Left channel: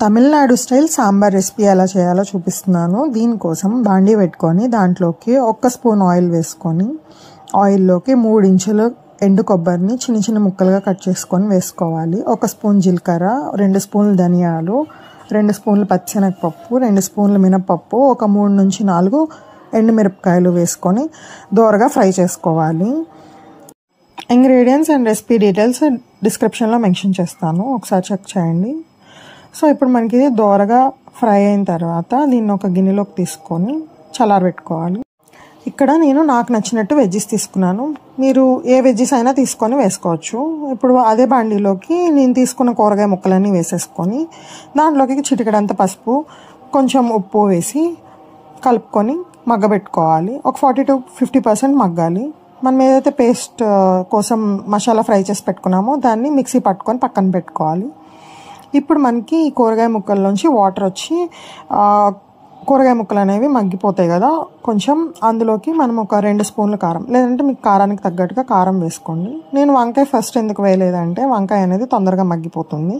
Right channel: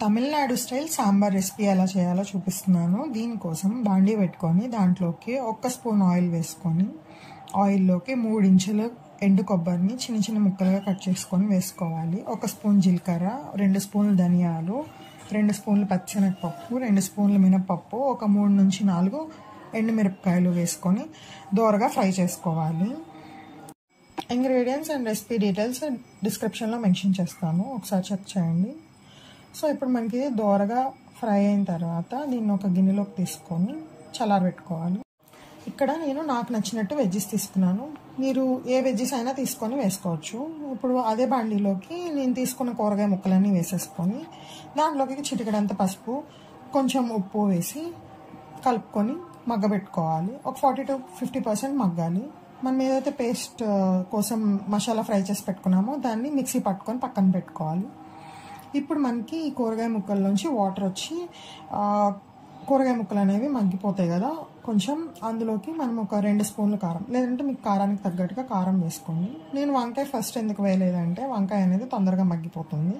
Tamil Nadu style sambar recipe ఎలా చేయాలో చూపిస్తున్నాను. దీనికోసం బాండీ పెట్టుకొని దాంట్లోకి 1 స్పూన్ ఆయిల్ వేసుకొని ఆయిల్లోకి 3 ఇంచులు ఎండు కొబ్బరిని చిన్న చిన్న ముక్కలుగా కట్ చేసుకొని వేసుకోవాలి. 1 స్పూన్ జీలకర్ర, 2 స్పూన్లు ధనియాలు, 2 స్పూన్లు పచ్చిశనగపప్పు, 2 స్పూన్లు మినపప్పు, ఒక 3 నుంచి 4 ఎండుమిరపకాయలు వేసుకొని దోరగా ఫ్రై చేసుకోవాలి. ఇంగ్రీడియంట్స్ అండ్ రెసిపీ డీటెయిల్స్ డిస్క్రిప్షన్లో మెన్షన్ చేస్తాను, ఒకసారి చెక్ చేయండి. సో ఇప్పుడు మనకి ఇది దోరగా ఫ్రై అయిన తర్వాత దీన్ని ఒక గిన్నెలోకి తీసుకొని చల్లారబెట్టుకోవాలి. ఇక్కడ నేను నాకు నచ్చినట్టు వెజ్జెస్ తీసుకున్నాను. మీరు ఏ వెజ్జెస్ అయినా తీసుకొని వేసుకోవచ్చు. ఇప్పుడు అదే బాండీలోకి నేను తీసుకున్న కూరగాయ ముక్కలన్నీ వేసేసుకొని దాంట్లోకి చిటికెడంత పసుపు, కొంచెం ఉప్పు వేసి కలుపుకొని మగ్గబెట్టుకోవాలి. ఒక 40 to 50% మగ్గాలి. మనం ఏదైతే పేస్ట్ కోసం మసాలా ఫ్రై చేసి పెట్టుకున్నామో దాన్ని మిక్సీ పట్టుకొని పక్కన పెట్టుకోవాలి. ఇప్పుడు మనకి ఈ కూరగాయ ముక్కల్లోంచి వాటర్ వచ్చి కూరగాయ ముక్కలు అనేవి మగ్గిపోతాయి కదా, కొంచెం అందులోకి మనం ఒక 2 స్పూన్ల కారం, లేదంటే మీకు కారానికి తగ్గట్టుగా కారం వేసుకోండి. నేను వంకాయ ఫస్ట్ ఎందుకు వేయలేదంటే వంకాయ అనేది తొందరగా మగ్గిపోతుంది,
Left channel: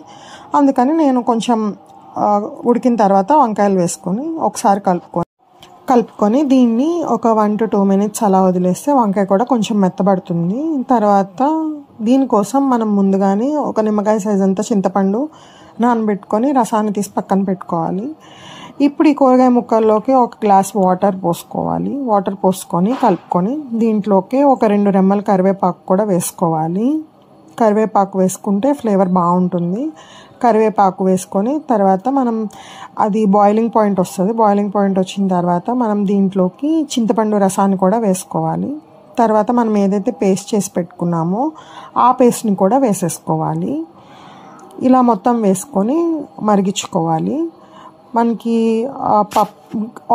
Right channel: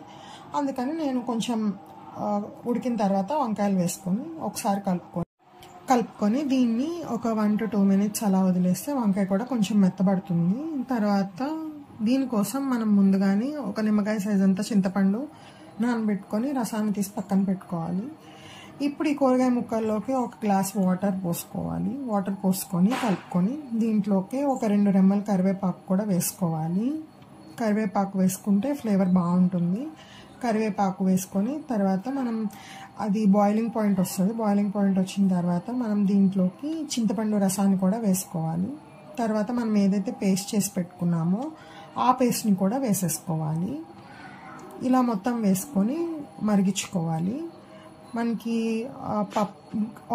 అందుకని నేను కొంచెం ఉడికిన తర్వాత వంకాయలు వేసుకొని ఒకసారి కలుపుకొని దీన్ని ఒక 1 to 2 minutes అలా వదిలేస్తే వంకాయ కూడా కొంచెం మెత్తబడుతుంది. తర్వాత దీనికోసం మనం ముందుగానే ఒక నిమ్మకాయ సైజ్ అంతా చింతపండు నానబెట్టుకొని రసాన్ని తీసి పక్కన పెట్టుకోవాలి. ఇప్పుడు ఈ కూరగాయ ముక్కల్లోకి ఒక గ్లాస్ వాటర్ పోసుకోవాలి. వాటర్ పోసుకొని కలుపుకొని దీంట్లోకి ఒక 2 రెమ్మల కరివేపాకు కూడా వేసుకోవాలి. కరివేపాకు వేసుకుంటే ఫ్లేవర్ బాగుంటుంది. కరివేపాకు వేసుకొని తర్వాత మనం అది బాయిలింగ్ పాయింట్ వస్తుంది. బాయిలింగ్ పాయింట్ వచ్చిన తర్వాత మనం దీంట్లోకి చింతపండు రసాన్ని కూడా వేసుకోవాలి. తర్వాత మనం ఏదైతే పేస్ట్ చేసి పెట్టుకున్నామో ఆ పేస్ట్ని కూడా వేసేసుకోవాలి. ఇలా మొత్తం వేసుకొని మరిగించుకోవాలి. మనకి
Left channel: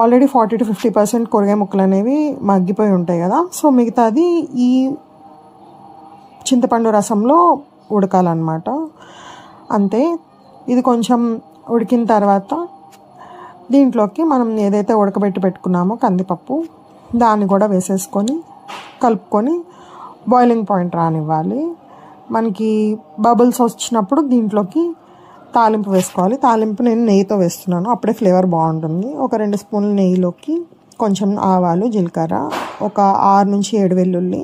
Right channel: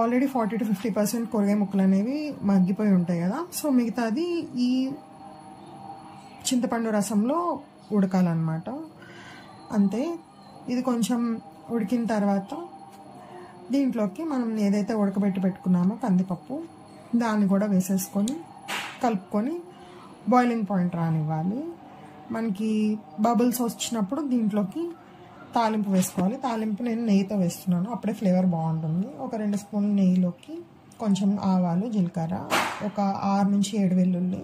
ఆల్రెడీ 40 to 50% కూరగాయ ముక్కలు అనేవి మగ్గిపోయి ఉంటాయి కదా, సో మిగతాది ఈ చింతపండు రసంలో ఉడకాలన్నమాట. అంతే. ఇది కొంచెం ఉడికిన తర్వాత దీంట్లోకి మనం ఏదైతే ఉడకబెట్టి పెట్టుకున్నామో కందిపప్పు దాన్ని కూడా వేసేసుకొని కలుపుకొని బాయిలింగ్ పాయింట్ రానివ్వాలి. మనకి బబుల్స్ వచ్చినప్పుడు దీంట్లోకి తాలింపు వేసుకోవాలి. తాలింపు నేను నెయ్యితో వేస్తున్నాను, అప్పుడే ఫ్లేవర్ బాగుంటుంది. ఒక 2 స్పూన్ల నెయ్యిలోకి కొంచెం ఆవాలు, జీలకర్ర, ఒక 6 నుంచి 7 వెల్లుల్లి,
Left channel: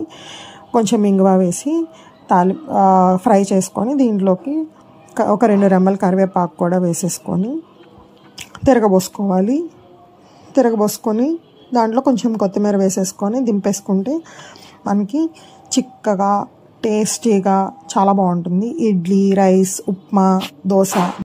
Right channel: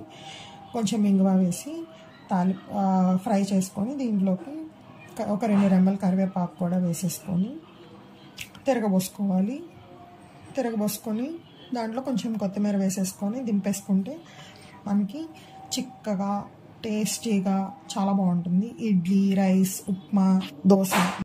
కొంచెం ఇంగువ వేసి ఫ్రై చేసుకొని దీంట్లోకి ఒక 2 రెమ్మల కరివేపాకు కూడా వేసేసుకొని తిరగబోసుకోవాలి. తిరగబోసుకొని దాంట్లో కొంచెం కొత్తిమీర వేసేసుకొని దింపేసుకుంటే మనకి చిక్కగా టేస్టీగా చాలా బాగుంటుంది. ఇడ్లీ, రైస్, ఉప్మా, దోశ